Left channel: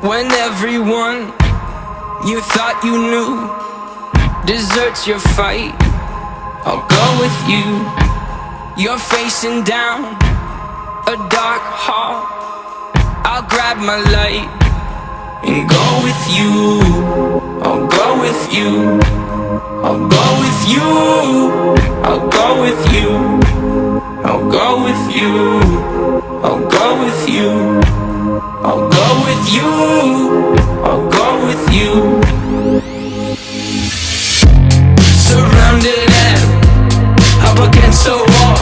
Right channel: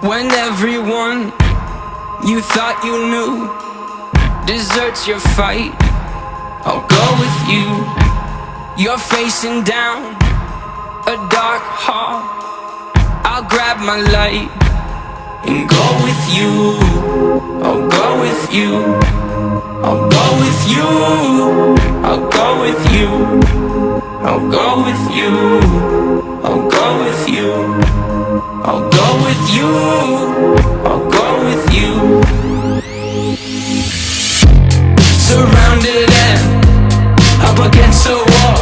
When everyone you thought you knew deserts your fight, I'll go with you. You're facing down a dark hall, I'll grab my light and go with you. I'll go with you. I'll go with you. I'll go with you. I'll go with you. I'll go with you. I'll go with you. I'll go with you. Surrounded and up against the wall,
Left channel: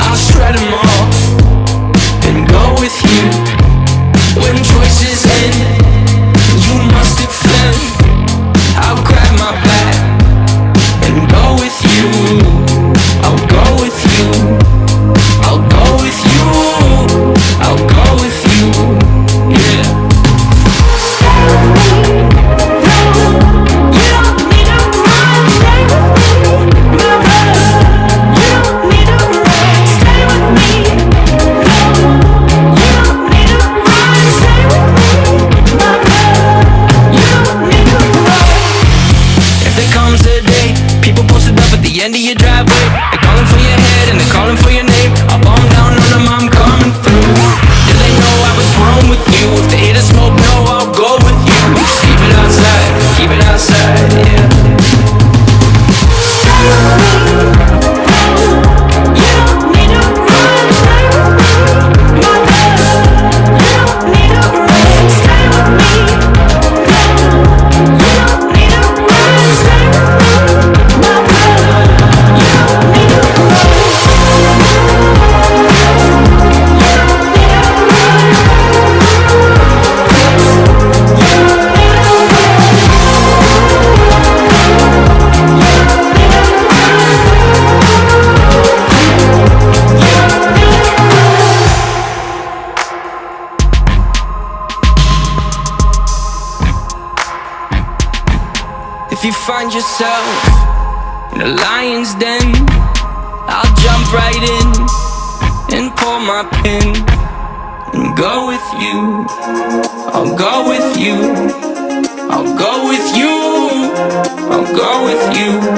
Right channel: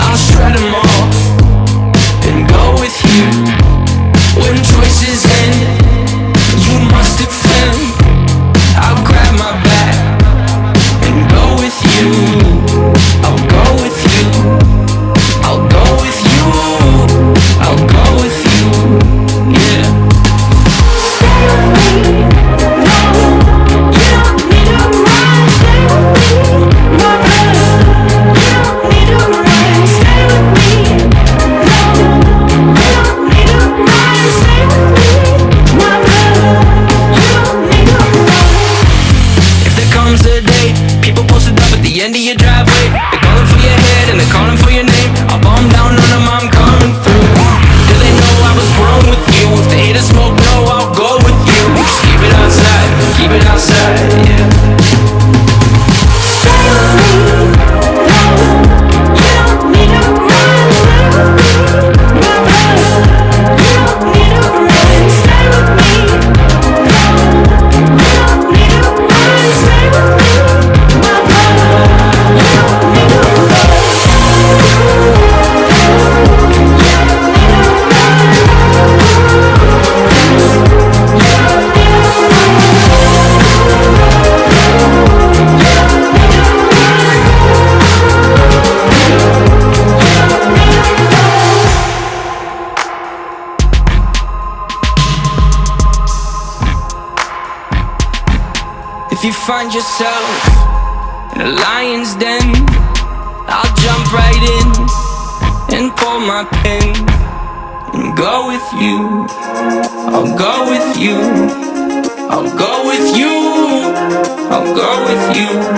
I'll shred them all and go with you. When choices end, you must defend. I'll grab my bag and go with you. I'll go with you. I'll go with you. I'll go with you. Yeah. Stay with me. No, you don't need to run. Stay with me, my brother. You don't need to run. Stay with me. No, you don't need to run. Stay with me, my brother. You don't need to run. If there comes a day, people posted up at the end of your driveway, they're calling for your head and they're calling for your name. I'll bomb down on them, I'm coming through. Do they know I was grown with you? If they hate a smoke, no, I'll go with you. Just keep it outside, yeah. Stay with me. No, you don't need to run. Stay with me, my brother. You don't need to run. Stay with me. No, you don't need to run. Stay with me, my brother. You don't need to run. If you find yourself in a lion's den, I'll jump right in and pull my pin and go with you. I'll go with you. I'll go with you. I'll go with you.